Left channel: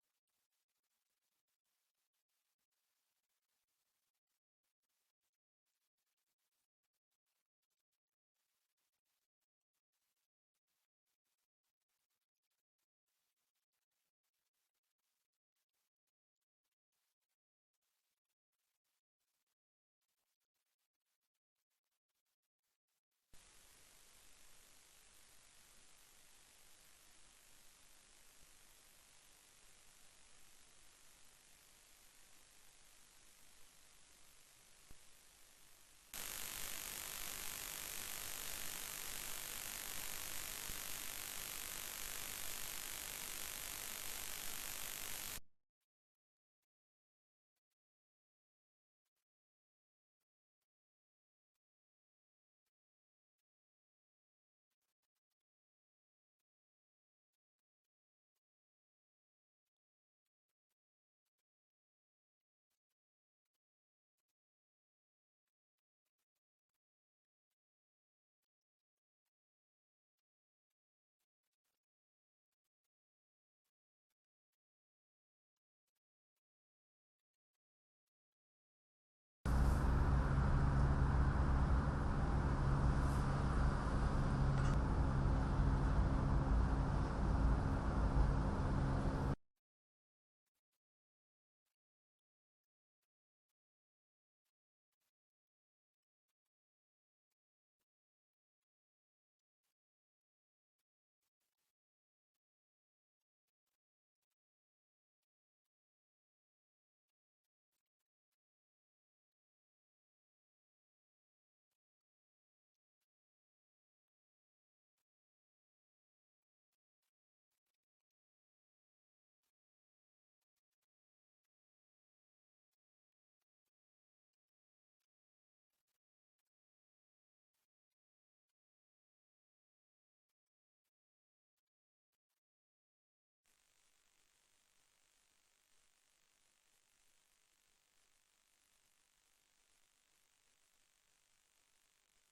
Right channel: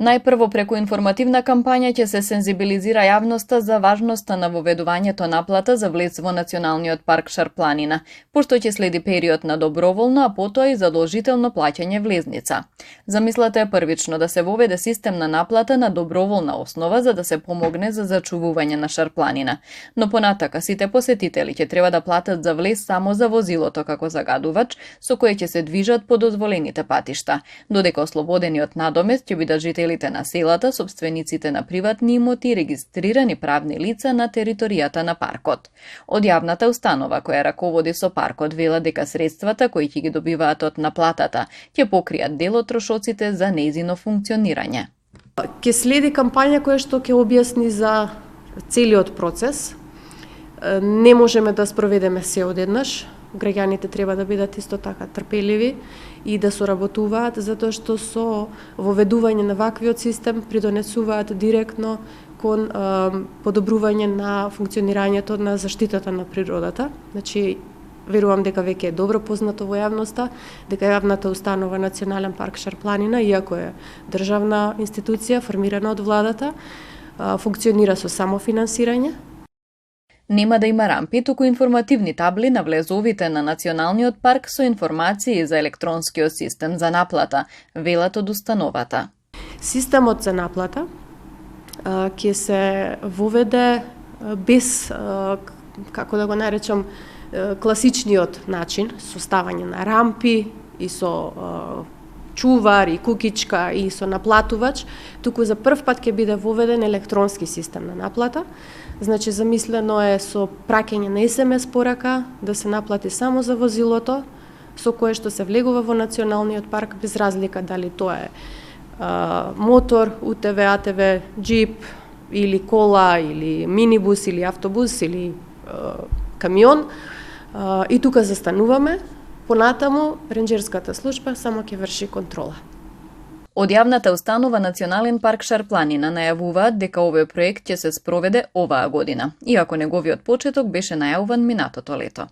Најпрво преку информативна кампања ќе се сензибилизира јавноста за важноста на воведувањето наплата за влез во Националниот парк Шарпланина, пошто ќе следи период на доброволно, а потоа и задолжително плаќање влезница. Замислата е првично да се воведе систем на наплата на доброволна основа за да се помогне за зачувување на Шарпланина, но понатака сите посетители ќе треба да платат за влез само за возилото како загадувач со кое ќе се движат по дозволените патишта, додека ослободени од надомест ќе бидат жителите на селата, собствениците на приватни имоти и регистрирани правни лица на територијата на паркот. Од јавната установа која раководи со паркот вела дека средствата кои ќе ги добиваат од наплатата ќе покријат дел од трошоците за нејзино функционирање. Ќе следи кампања која што ќе објасни за целиот процес. Не можеме да спроведеме се одеднаш. Граѓаните треба да бидат исто така трпеливи и да соработуваат, затоа што со воведување на ваквиот систем придонесуваат директно кон подобрување на функционирањето на заштитата на природата. Значи, верувам дека веќе е добро познато во јавноста, дека јавната установа Национален парк Шарпланина, иако е државна институција формирана од владата, функционира со самофинансирање. Нема да има рампи, туку информативни табли на влезовите на Националниот парк со информации за електронскиот систем за наплата, велат од установата. Системот за наплата ќе се воведе без, како да го наречам, класичниот начин, со ставање на рампи и со чувар и кукичка и со наплатувач, туку за прв пат ќе биде воведен електронски систем на наплата. Значи, замислено е со праќање на SMS порака да се наплати само за возилото со кое што се влегува во Националниот парк, без разлика дали тоа е мотор, УТВ, АТВ, джип или кола, или минибус, или автобус, или камион. И тука застануваме. Понатаму, ренџерската служба само ќе врши контрола. Од јавната установа Национален парк Шарпланина најавуваат дека овој проект ќе се спроведе оваа година, иако неговиот почеток беше најавуван минатото лето.